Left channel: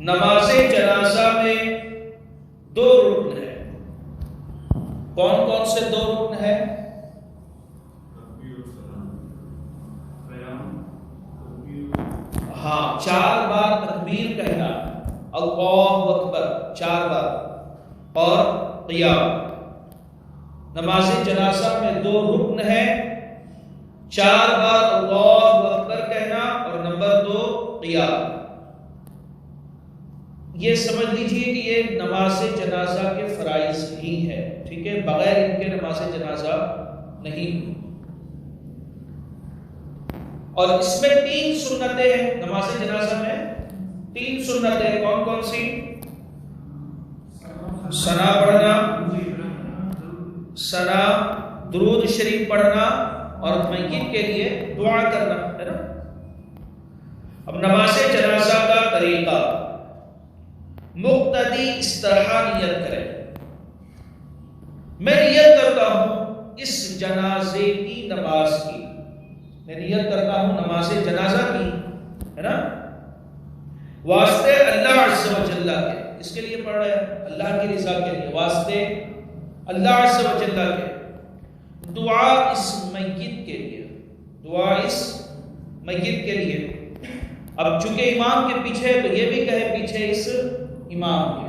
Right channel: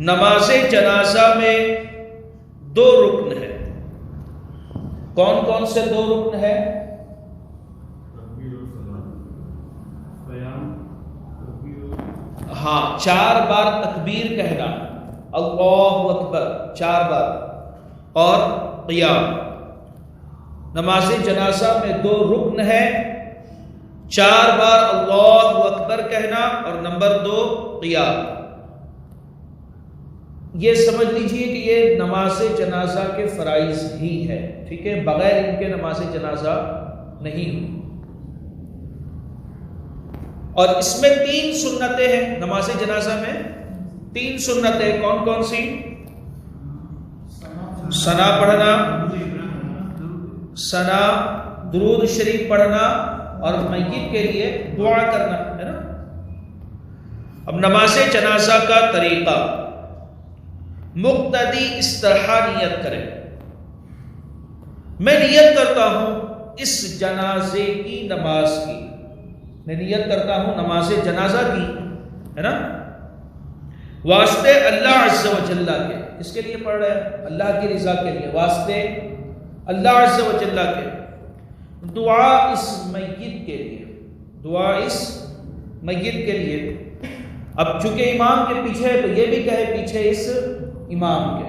نماز جنازہ میں دو رکن ہے. کون کون سے دو رکن ہے؟ ہاں، 4 بار تکبیر کہنا، اللہ اکبر 4 بار، اور قیام. نماز جنازہ میں 2 رکن ہے، 4 بار اللہ اکبر کہنا اور نمبر 2 قیام. یہ سمجھ لیجئے کہ یہ نماز جنازہ کے فرائض ہی ہے، ٹھیک ہے، بغیر ان کے نماز جنازہ نہیں ہوئی. اور اس میں 3 سنتیں ہیں. نماز جنازہ میں 3 سنتیں. کون کون سی؟ ثنا پڑھنا، ثنا، درود شریف پڑھنا اور میت کے لیے دعا کرنا، ہے نا. اب نماز جنازہ کا طریقہ، مقتدی اس طرح نیت کرے. میں نیت کرتا ہوں اس جنازے کی نماز کی، میں نیت کرتا ہوں نماز جنازہ کی، ہے نا، واسطے اللہ عز و جل کے. اس کے لیے پڑھ رہے ہیں اللہ کی رضا کے لیے، واسطے اللہ عز و جل کے. دعا اس میت کے لیے، دعا اس میت کے لیے. اب چونکہ امام کے پیچھے ہے تو یہ بھی کہے پیچھے اس امام کے،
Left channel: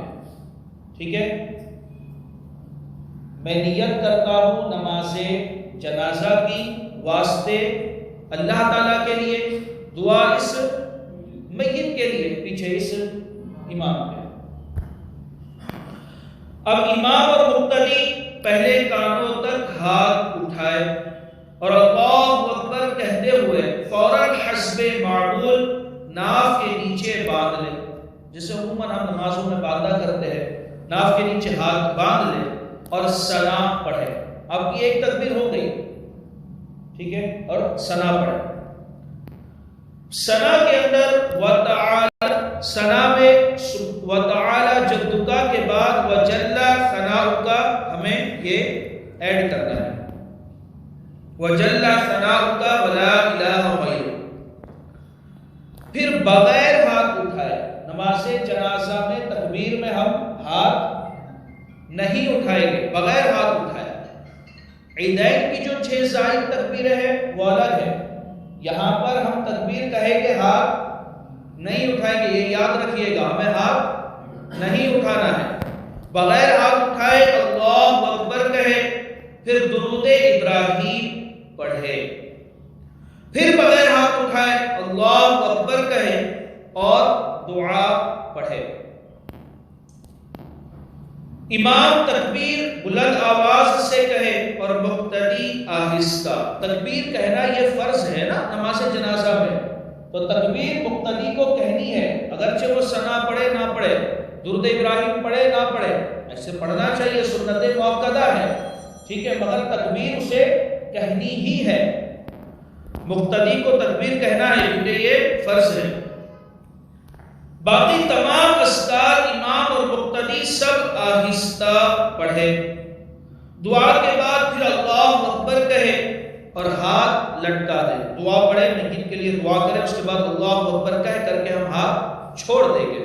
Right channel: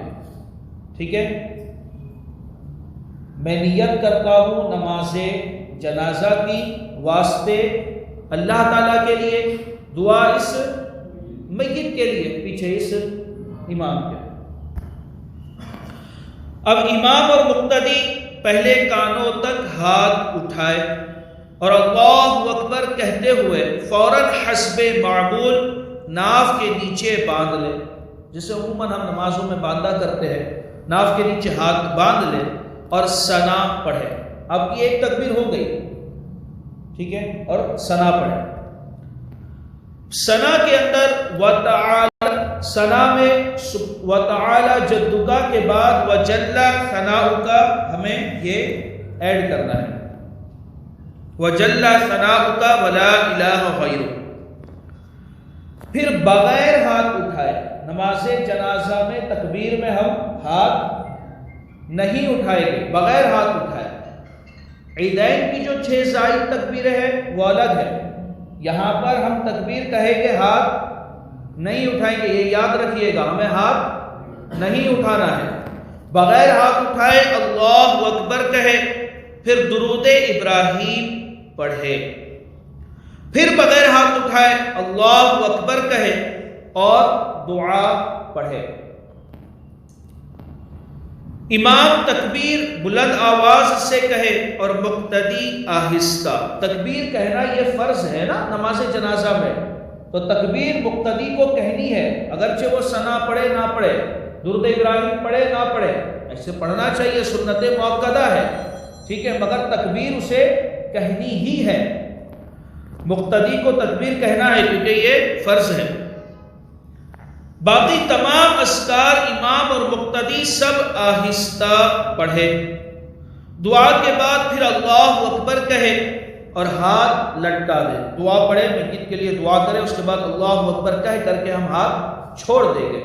ٹھیک ہے. میں نیت کرتا ہوں نماز جنازہ کی واسطے اللہ تعالیٰ کے لیے، دعا اس میت کے لیے، پیچھے اس امام کے. اب امام اور مقتدی پہلے کانوں تک ہاتھ اٹھائے اور اللہ اکبر کہتے ہوئے فوراً حسب معمول ناف کے نیچے باندھ لے، جسے عموماً ہم نمازوں میں باندھا کرتے ہیں. ناف کے نیچے ہاتھ باندھ لے اور ثنا پڑھے. اب کی ایک تکبیر ہو گئی، ٹھیک ہے، اور ثنا پڑھے. ثنا کے اندر وتعالی، ثنا میں وتعالی جدک کے بعد وجل ثناؤک ہمیں یہ ایڈ کرنا ہے، وجل ثناؤک ولا الہ غیرک. پھر بغیر ہاتھ اٹھائے، نماز جنازہ میں تکبیر میں ہم ہاتھ نہیں اٹھائیں گے، بغیر ہاتھ اٹھائے. عیدین کی جو 6 زائد تکبیریں ہیں وہ الگ ہے. یہاں پر ہم تکبیر کہیں گے، ہاتھ نہیں اٹھائیں گے، یہ یاد رکھیے گا، ہمیں ہاتھ نہیں اٹھانا ہے. بغیر ہاتھ اٹھائے اللہ اکبر کہے، پھر درود ابراہیم پڑھے، پھر بغیر ہاتھ اٹھائے اللہ اکبر کہے اور دعا پڑھے. امام تکبیر بلند آواز سے کہے اور مقتدی آہستہ. تکبیر کہنا یہ فرض ہے نا نماز جنازہ میں، تو تکبیر مقتدی کو کہنی ہے، اگرچہ وہ ثنا پڑھے نہ پڑھے، درود ابراہیم پڑھے نہ پڑھے، ایسے پڑھنا چاہیے، سنت مؤکدہ ہے، ٹھیک ہے، مگر تکبیر اسے کہنی ہی ہے. مقتدی کو تکبیر کہنا ہے کیونکہ یہ فرض ہے. باقی تمام اذکار امام اور مقتدی سب آہستہ پڑھے. دعا کے بعد پھر اللہ اکبر کہے اور ہاتھ لٹکا دے. دعا پڑھے، میت کے لیے دعا کرے، اس کے بعد اللہ اکبر کہہ کر کے ہم ہاتھ چھوڑ دیں گے.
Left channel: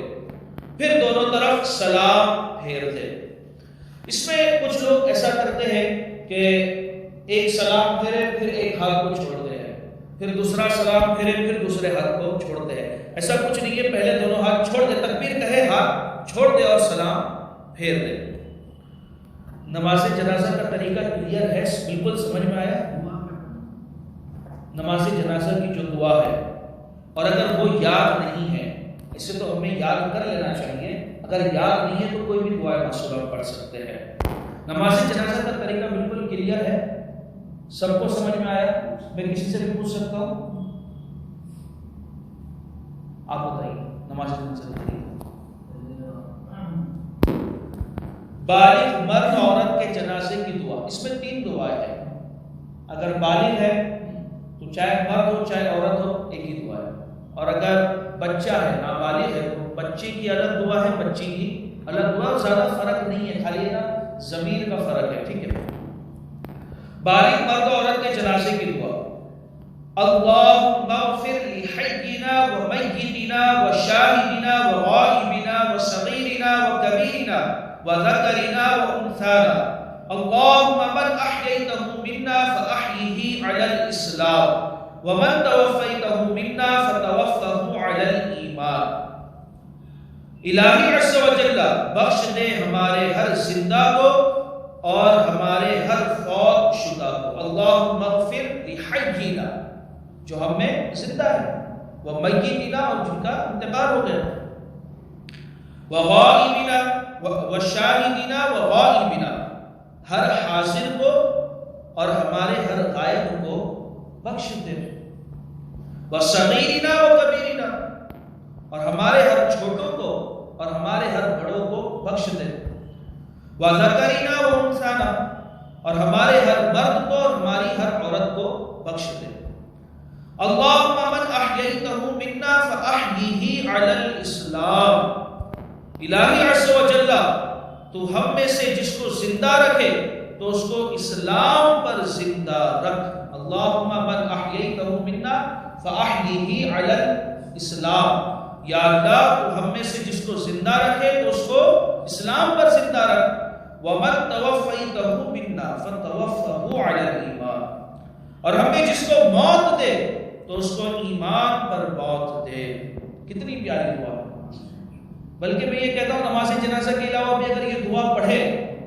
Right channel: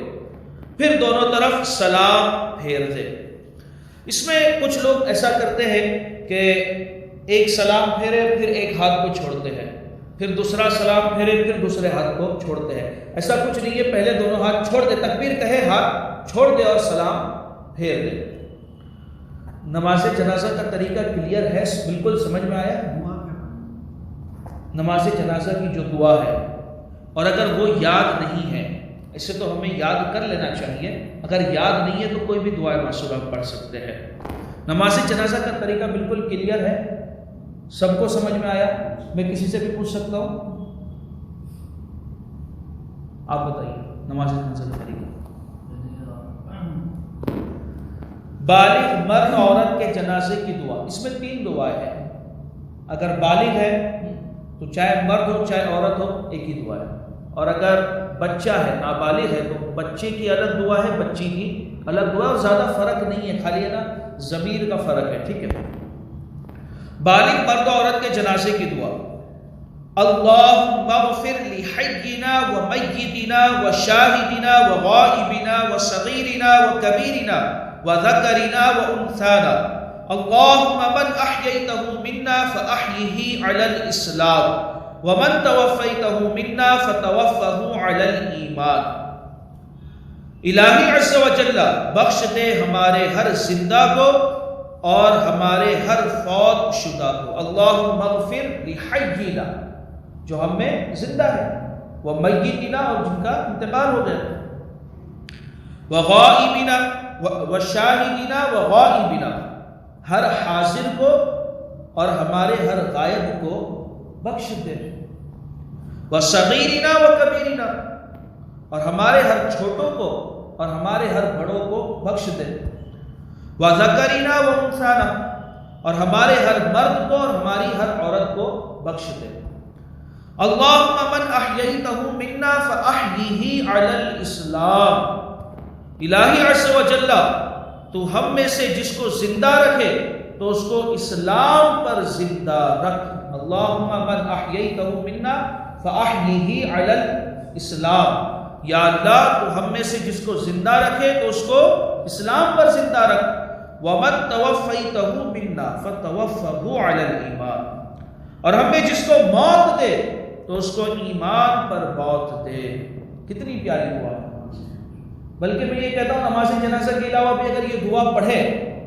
پھر دونوں طرف سلام پھیر دے. اس میں کچھ لوگ ایسا کرتے ہیں کہ ایک سلام پھیرے پھر ایک ہاتھ کو چھوڑتے ہیں، پھر دوسرا سلام پھیرے پھر دوسرے ہاتھ کو چھوڑتے ہیں. ایسا کچھ نہیں ہے، پہلے دونوں ہاتھ چھوڑ دے، تکبیر کہے، ہاتھ چھوڑ دے اور سلام پھیر دے. نماز جنازہ کا طریقہ کلیئر ہے، بالکل سمجھ میں آیا. نماز جنازہ کی جو دعا ہے، اور اگر وہ یاد نہیں ہے، اسے تو ہمیں یاد کر لینا چاہیے، اگر یاد نہیں ہے تو کوئی بھی دعا معصورہ پڑھ سکتے ہیں. نماز جنازہ کا طریقہ بالکل کلیئر ہے، سب کو سمجھ میں آیا. میں کسی سے بھی پوچھ سکتا ہوں، آپ بتائیے نماز جنازہ کا طریقہ. بالغ مرد عورت کے جنازے کی دعا، اس میں 3 دعائیں ہیں. اگر بالغ ہے تو چاہے مرد ہو چاہے عورت ہو ایک ہی دعا ہے، اور اگر بچہ ہے نابالغ ہے تو بچے کی الگ دعا ہے، بچی کی الگ دعا، اور زیادہ فرق نہیں ہے، خالی ہے نا ضمیر کا فرق ہے، ٹھیک ہے. بالغ مرد عورت کے جنازے کی دعا. اللہم اغفر لحینا ومیتنا وشاہدنا وغائبنا وصغیرنا وکبیرنا وذکرنا وانثانا اللہم من احییتہ منا فاحیہ علی الاسلام ومن توفیتہ منا فتوفہ علی الایمان۔ الہی عز و جل بخش دے ہمارے ہر زندہ کو اور ہمارے ہر فوت شدہ کو۔ اللہم اغفر لحینا، جو ہم میں زندہ ہے، ومیتنا، اور جن کا انتقال ہو گیا، وغائبنا، وشاہدنا وغائبنا، ہر حاضر کو اور ہمارے ہر غائب کو بخش دے، وصغیرنا وکبیرنا، اور ہمارے ہر چھوٹوں کو اور ہمارے ہر بڑوں کو بخش دے، وذکرنا وانثانا، اور ہمارے ہر مرد کو اور ہماری ہر عورت کو بخش دے۔ اللہم من احییتہ منا فاحیہ علی الاسلام، الہی عز و جل تو ہم میں سے جس کو زندہ رکھے تو اس کو اسلام پر زندہ رکھ۔ اللہم من احییتہ منا فاحیہ علی الاسلام، یا اللہ تو ہم میں سے جس کو زندہ رکھے تو اس کو اسلام پر زندہ رکھ۔ ومن توفیتہ منا فتوفہ علی الایمان، اور ہم میں جس کو موت دے تو اس کو ایمان پر موت دے۔ کتنی پیاری دعا ہے۔ بلکہ میں یہ کہتا ہوں نماز جنازہ کے علاوہ بھی اگر یہ دعا پڑھے،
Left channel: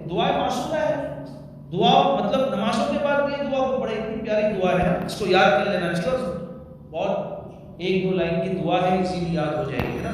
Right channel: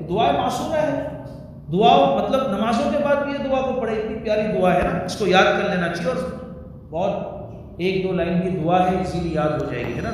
دعا معصومہ ہے، دعا مطلب نمازوں کے بعد بھی یہ دعا کو پڑھے، اتنی پیاری دعا ہے نا، اس کو یاد کر لینا چاہیے، اور بہت ایک دو لائن کی دعا ہے، اسی لیے یاد ہو جائے گی، ہے نا۔